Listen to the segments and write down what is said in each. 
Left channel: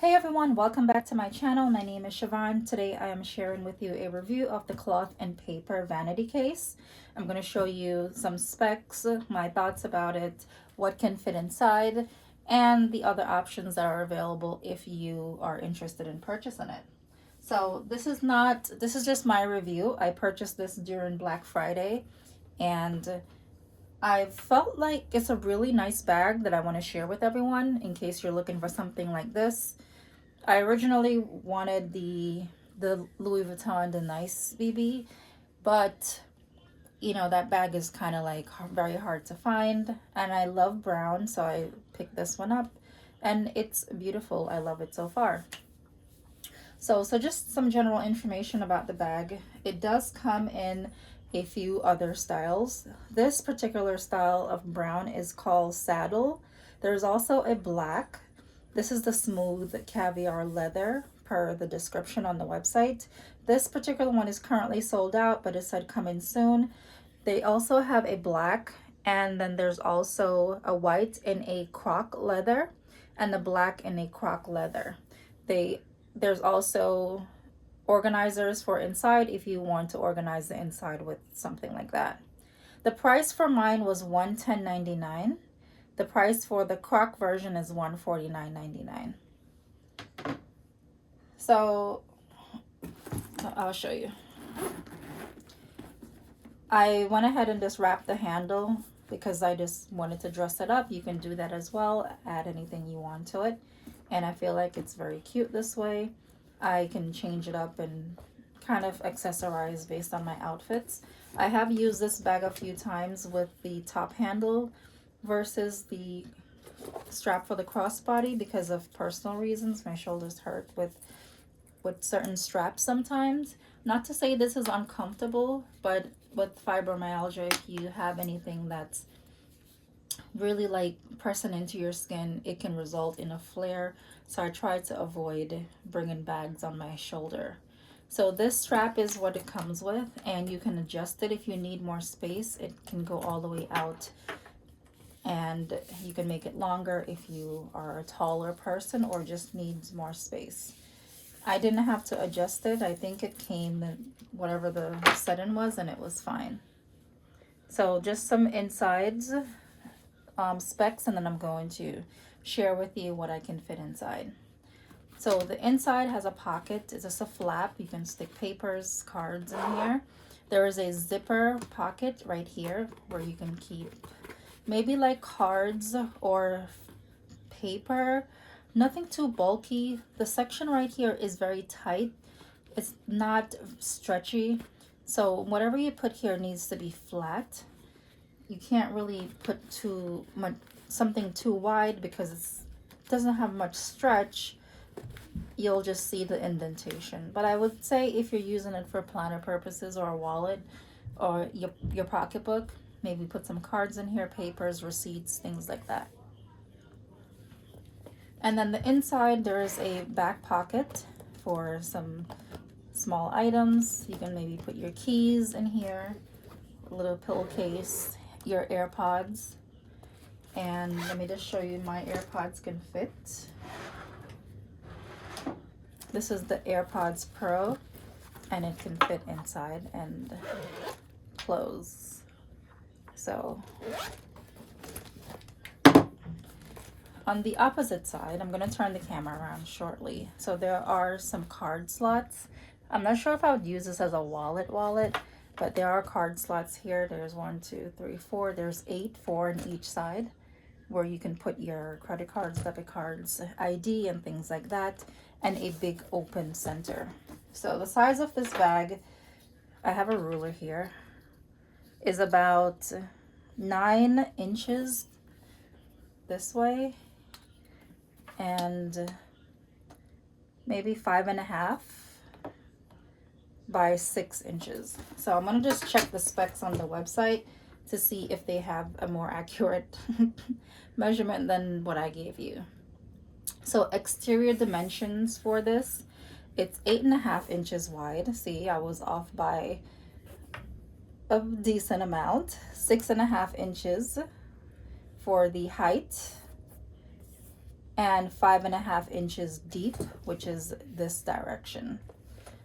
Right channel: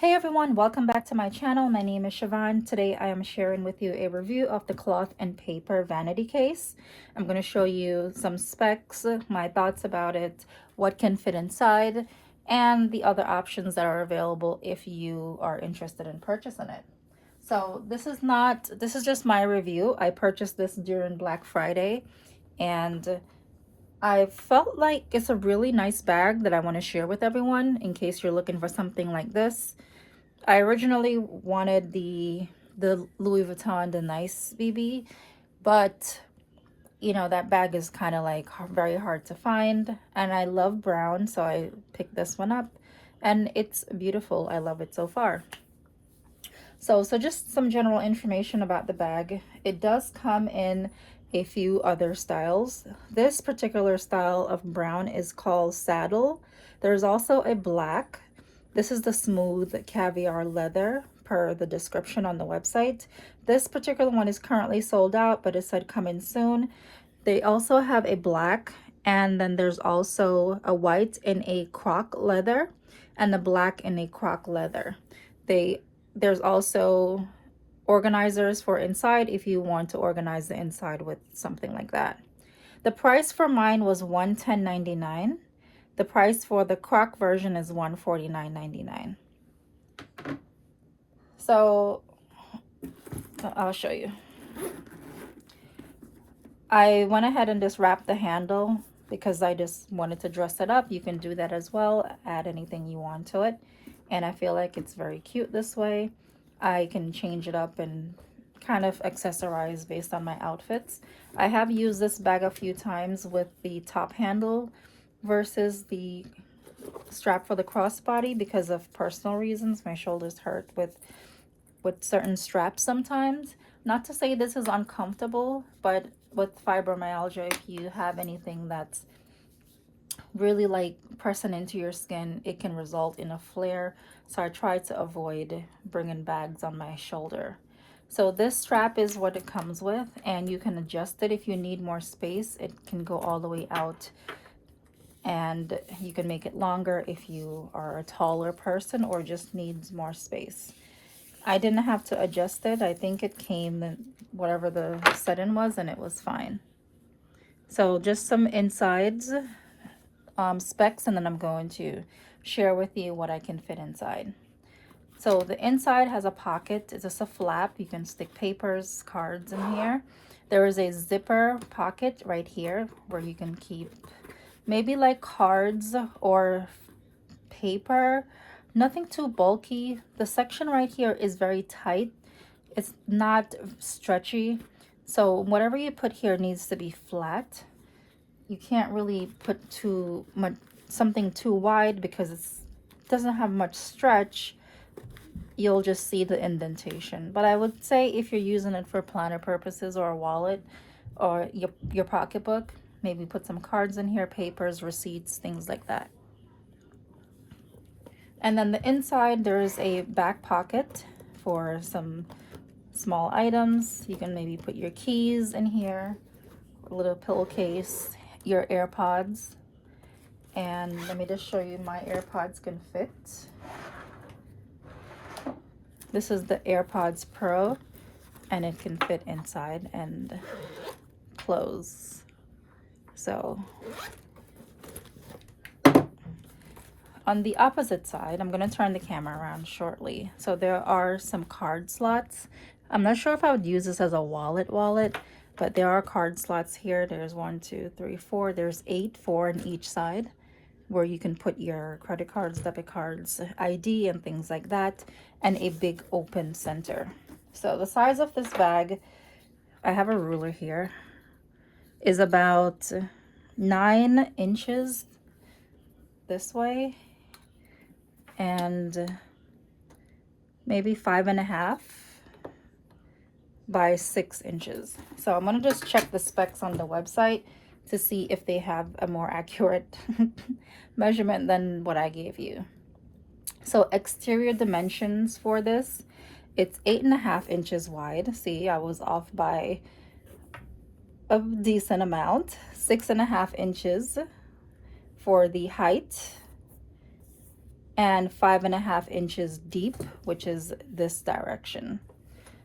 Hey everyone, welcome back to my channel. My name is Siobhan. Today I am sharing with you a review of the cloth and paper vanity case. I'm going to show you some specs, my thoughts about it, what can fit inside, and the other options that are available if you are interested in purchasing it. So this is just my review. I purchased this during Black Friday, and I felt like it's a really nice bag that I want to share with everyone in case you're looking for something like this. I originally wanted the Louis Vuitton the Nice BB, but you know that bag is kind of like very hard to find, and I love brown, so I picked this one up, and it's beautiful. I love it so far. So just some general information about the bag. It does come in a few other styles. This particular style of brown is called saddle. There's also a black. This is the smooth caviar leather per the description on the website. This particular one is currently sold out, but it said coming soon. They also have a black, and then there's also a white in a croc leather and the black in a croc leather. There's also organizers for inside if you want to organize the inside with something like that. The price for mine was $110.99. The price for the croc version is $149.99. So I'll show you. I went ahead and just wrapped the handle because I just wanted to dress it up. You can do that as well, add anything you want to it, and I feel like it's very cute this way. I can change it up and kind of accessorize based on my outfits. I have used this bag a few times with the top handle versus the strap for the crossbody because of personal reasons. My shoulders hurt with certain straps sometimes. Not to say this is uncomfortable, but with fibromyalgia, if you have anything that's really like pressing into your skin, it can result in a flare. So I try to avoid bringing bags on my shoulder. So this strap is what it comes with, and you can adjust it if you need more space. It can go all the way out, and you can make it longer if you are a taller person or just needs more space. I didn't have to adjust it. I think it came in whatever the setting was, and it was fine. So just some insides specs, and then I'm going to share with you what I can fit inside. So the inside has a pocket. It's just a flap. You can stick papers, cards in here. There is a zipper pocket right here where you can keep maybe like cards or paper. Nothing too bulky. The section right here is very tight. It's not stretchy. So whatever you put here needs to be flat. You can't really put too much, something too wide, because it doesn't have much stretch. You'll just see the indentation. But I would say if you're using it for planner purposes or a wallet or your pocketbook, maybe put some cards in here, papers, receipts, things like that. And then the inside, there is a back pocket for some small items. You can maybe put your keys in here, a little pillowcase, your AirPods. And let me just show you, my AirPods can fit. This is the AirPods Pro, and it can fit inside and close. So on the opposite side, I'm going to turn the camera around shortly. So there are some card slots. I'm not sure if I would use this as a wallet, but there are card slots here. There's 1, 2, 3, 4. There's 8, 4 on each side, where you can put your credit cards, debit cards, ID, and things like that, and a big open center. So the size of this bag, I have a ruler here, is about 9 inches this way, and maybe 5.5 by 6 inches. So I'm gonna just check the specs on the website to see if they have a more accurate measurement than what I gave you. So exterior dimensions for this, it's 8.5 inches wide. See, I was off by a decent amount. 6.5 inches for the height, and 5.5 inches deep, which is this direction.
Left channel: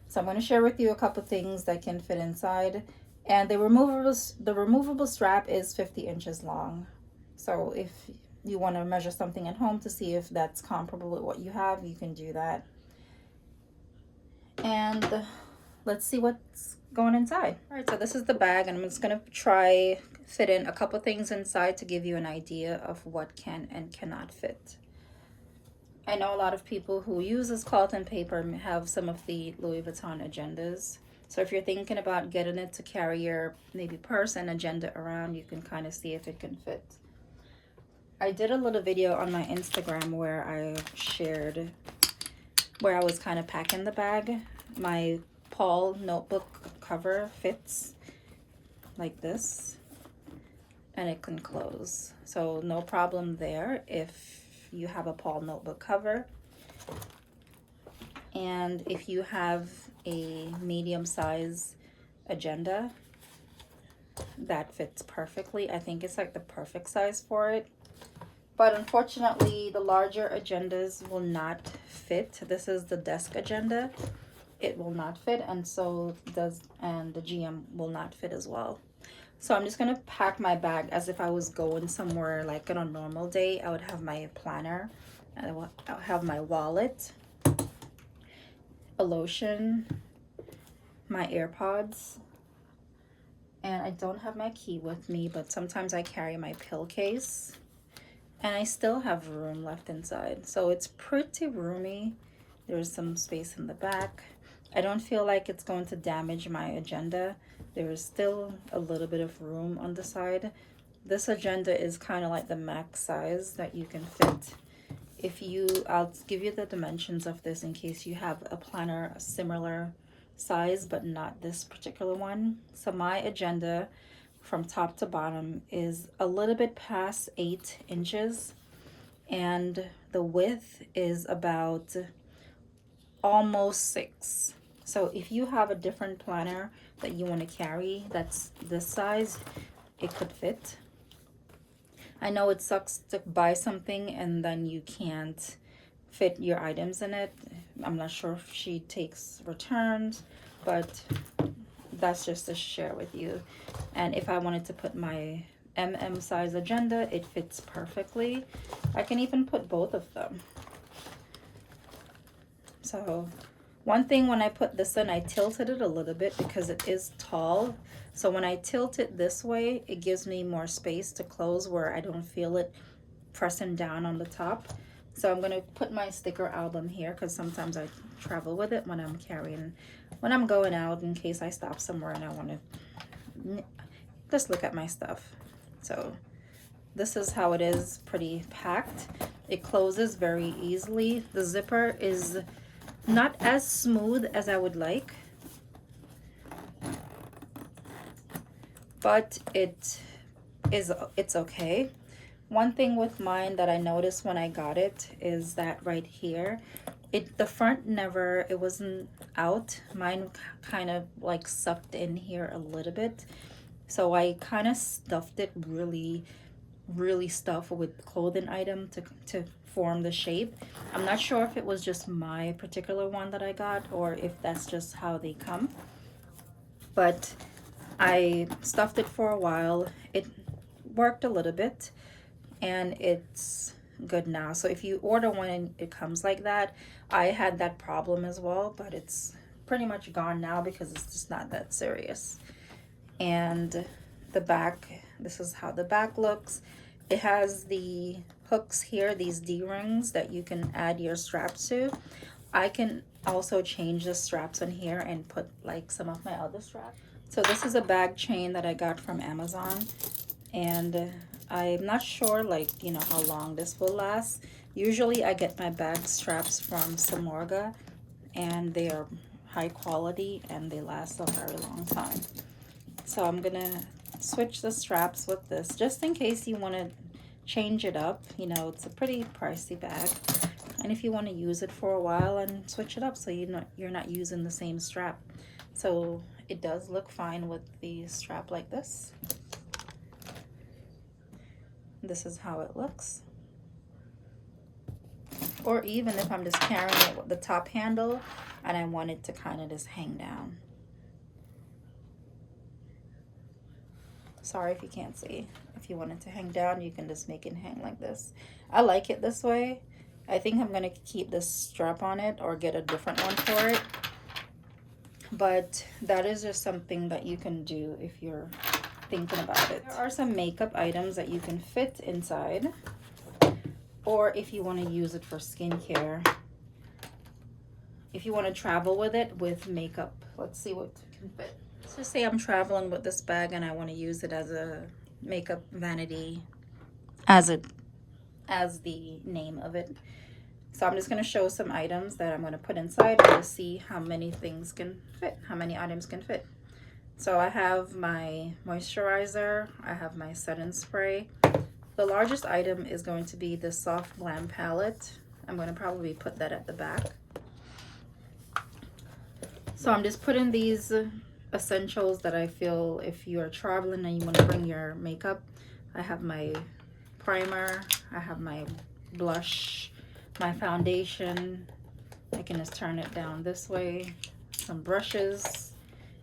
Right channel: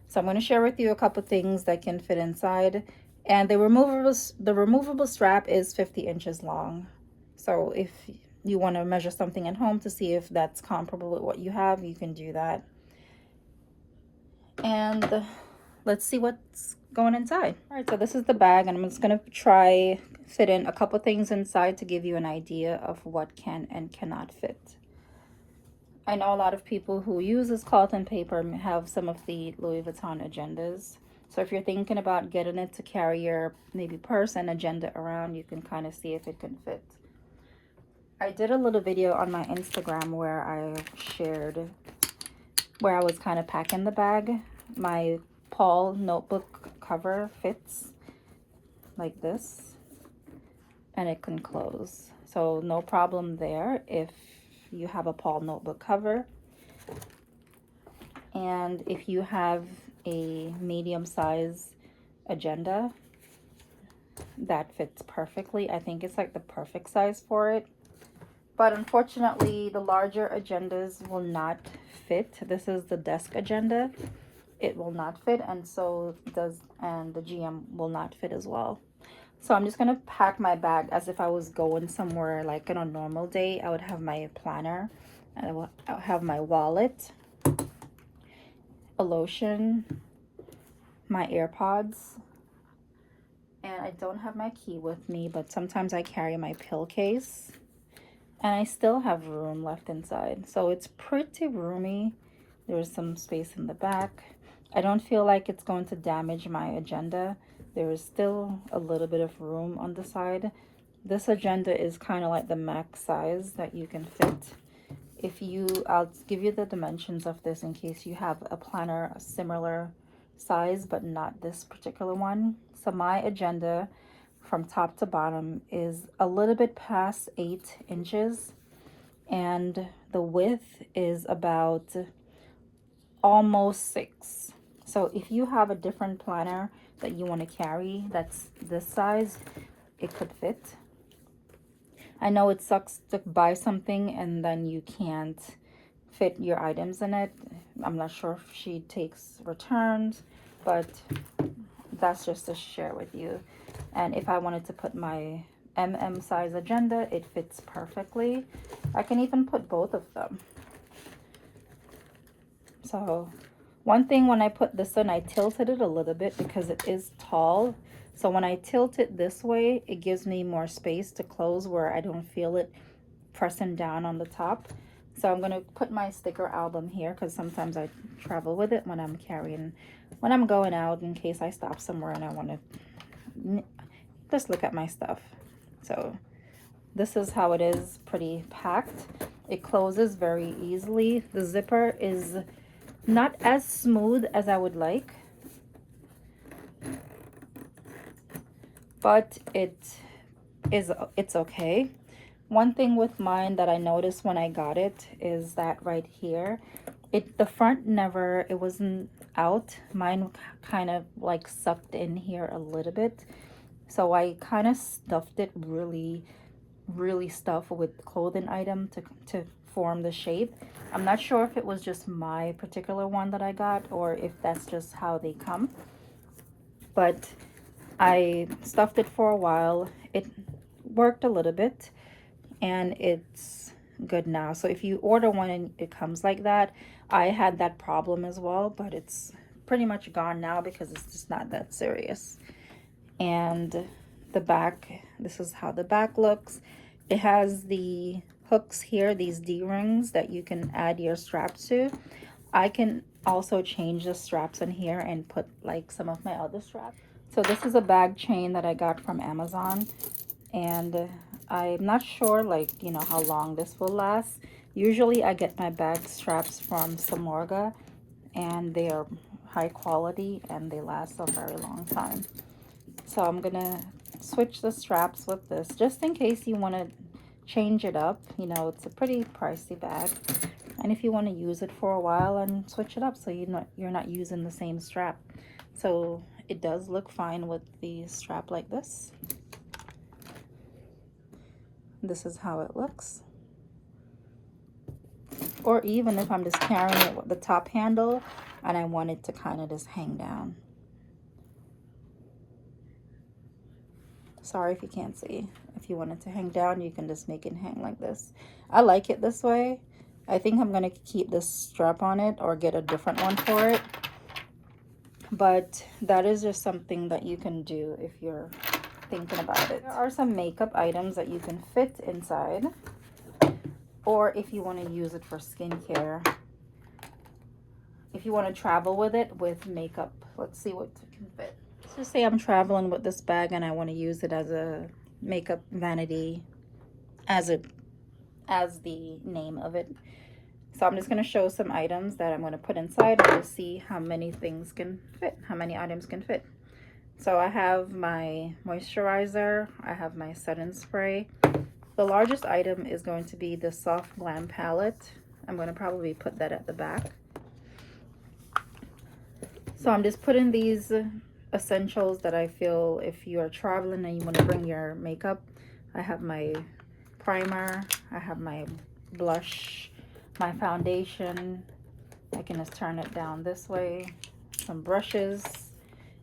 So I'm going to share with you a couple things that can fit inside. And the removable strap is 50 inches long. So if you want to measure something at home to see if that's comparable with what you have, you can do that. And let's see what's going inside. All right, so this is the bag, and I'm just going to try fit in a couple things inside to give you an idea of what can and cannot fit. I know a lot of people who use this cloth and paper have some of the Louis Vuitton agendas. So if you're thinking about getting it to carry your maybe purse and agenda around, you can kind of see if it can fit. I did a little video on my Instagram where I shared where I was kind of packing the bag. My Paul notebook cover fits like this, and it can close. So no problem there if you have a Paul notebook cover. And if you have a medium size agenda, that fits perfectly. I think it's like the perfect size for it. But unfortunately, the larger agendas will not fit. This is the desk agenda. It will not fit, and so does, and the GM will not fit as well. So I'm just gonna pack my bag as if I was going somewhere like on a normal day. I would have my planner, and I'll have my wallet, a lotion, my AirPods, and I don't have my key with me, but sometimes I carry my pill case, and I still have room left inside. So it's pretty roomy. There's some space in the back. I don't feel like it's going to damage my agenda. There is still a little bit of room on the side. This agenda is kind of like the max size that you can fit. I'll give you the dimensions of this in case you have a planner a similar size, but not this particular one. So my agenda from top to bottom is a little bit past 8 inches, and the width is about almost 6. So if you have a different planner that you want to carry that's this size, it could fit. I know it sucks to buy something and then you can't fit your items in it. I'm not sure if she takes returns, but that's just to share with you. And if I wanted to put my size agenda, it fits perfectly. I can even put both of them. So one thing, when I put this in, I tilted it a little bit because it is tall. So when I tilt it this way, it gives me more space to close where I don't feel it pressing down on the top. So I'm going to put my sticker album here because sometimes I travel with it when I'm going out in case I stop somewhere and I want to just look at my stuff. So this is how it is, pretty packed. It closes very easily. The zipper is not as smooth as I would like, but it's okay. One thing with mine that I noticed when I got it is that right here, the front it wasn't out. Mine kind of like sucked in here a little bit. So I kind of stuffed it really stuffed with clothing item to form the shape. I'm not sure if it was just my particular one that I got or if that's just how they come, but I stuffed it for a while. It worked a little bit and it's good now. So if you order one and it comes like that, I had that problem as well, but it's pretty much gone now because it's just not that serious. And the back, this is how the back looks. It has the hooks here, these D-rings that you can add your straps to. I can also change the straps in here and put like some of my other straps. So this is a bag chain that I got from Amazon, and I'm not sure how long this will last. Usually I get my bag straps from Samorga, and they are high quality and they last a very long time. So I'm gonna switch the straps with this just in case you want to change it up. It's a pretty pricey bag, and if you want to use it for a while and switch it up so you're not using the same strap. So it does look fine with the strap like this. This is how it looks. Or even if I'm just carrying it with the top handle and I want it to kind of just hang down. Sorry if you can't see. If you want it to hang down, you can just make it hang like this. I like it this way. I think I'm going to keep this strap on it or get a different one for it. But that is just something that you can do if you're thinking about it. There are some makeup items that you can fit inside, or if you want to use it for skincare. If you want to travel with it with makeup, let's see what can fit. Let's just say I'm traveling with this bag and I want to use it as a makeup vanity, as the name of it. So I'm just going to show some items that I'm going to put inside and we'll see how many things can fit, how many items can fit. So I have my moisturizer, I have my setting spray. The largest item is going to be the Soft Glam palette. I'm going to probably put that at the back. So I'm just putting these essentials that I feel if you are traveling and you want to bring your makeup. I have my primer, I have my blush, my foundation. I can just turn it down this way. Some brushes,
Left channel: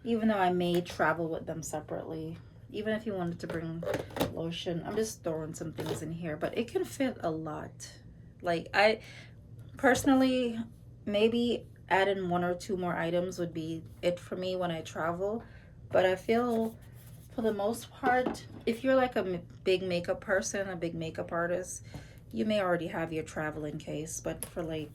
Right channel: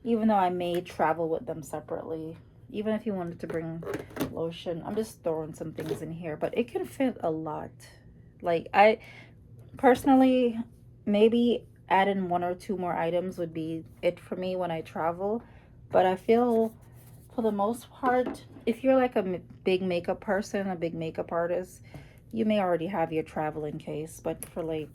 even though I may travel with them separately. Even if you wanted to bring lotion, I'm just throwing some things in here, but it can fit a lot. Like, I personally, maybe adding 1 or 2 more items would be it for me when I travel. But I feel for the most part, if you're like a big makeup person, a big makeup artist, you may already have your traveling case. But for, like,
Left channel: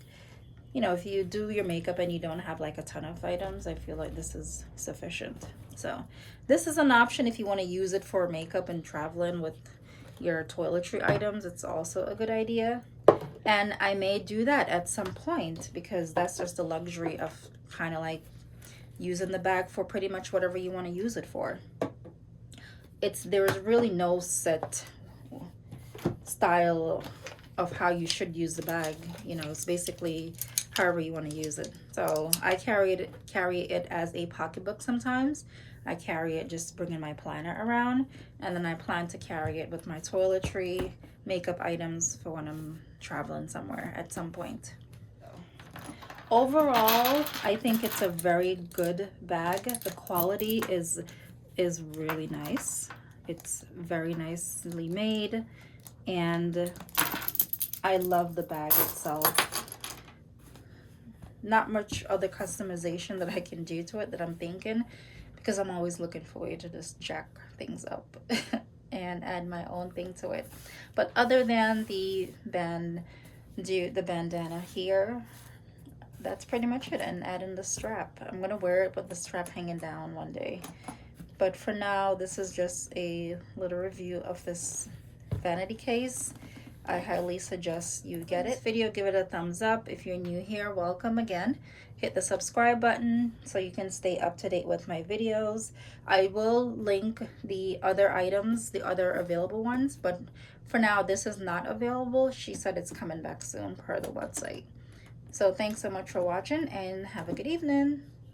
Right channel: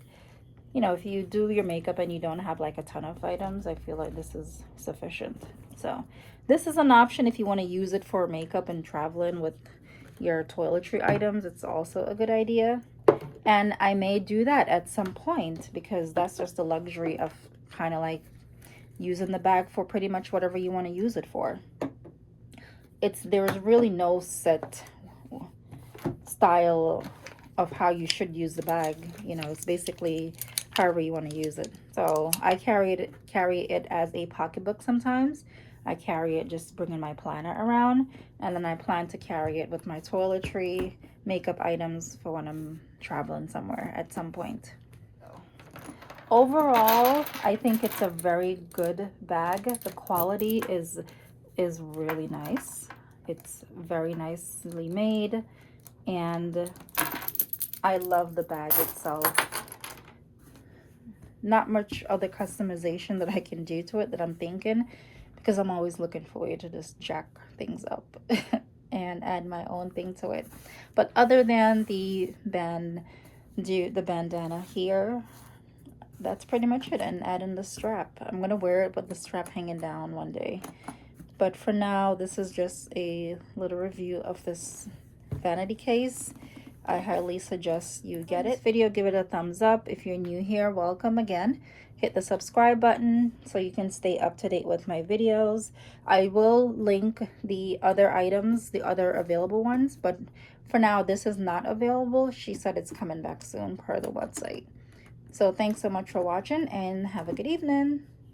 you know, if you do your makeup and you don't have like a ton of items, I feel like this is sufficient. So this is an option if you want to use it for makeup and traveling with your toiletry items. It's also a good idea. And I may do that at some point because that's just the luxury of kind of like using the bag for pretty much whatever you want to use it for. There's really no set style of how you should use the bag. You know, it's basically however you want to use it. So I carry it as a pocketbook sometimes. I carry it just bringing my planner around, and then I plan to carry it with my toiletry, makeup items for when I'm traveling somewhere at some point. Overall, I think it's a very good bag. The quality is really nice. It's very nicely made, and I love the bag itself. Not much other customization that I can do to it that I'm thinking, because I'm always looking for a way to just jack things up and add my own thing to it. But other than the bandana here, that's pretty much it. And adding the strap. I'm gonna wear it with the strap hanging down one day. But for now, this is just a little review of this vanity case. I highly suggest you get it. This video, give it a thumbs up. If you're new here, welcome again. Hit the subscribe button so you can stay up to date with my videos. I will link the other items, the other available ones, but for now this is not available. She said it's coming back soon per the website. So thanks so much for watching and have a good evening.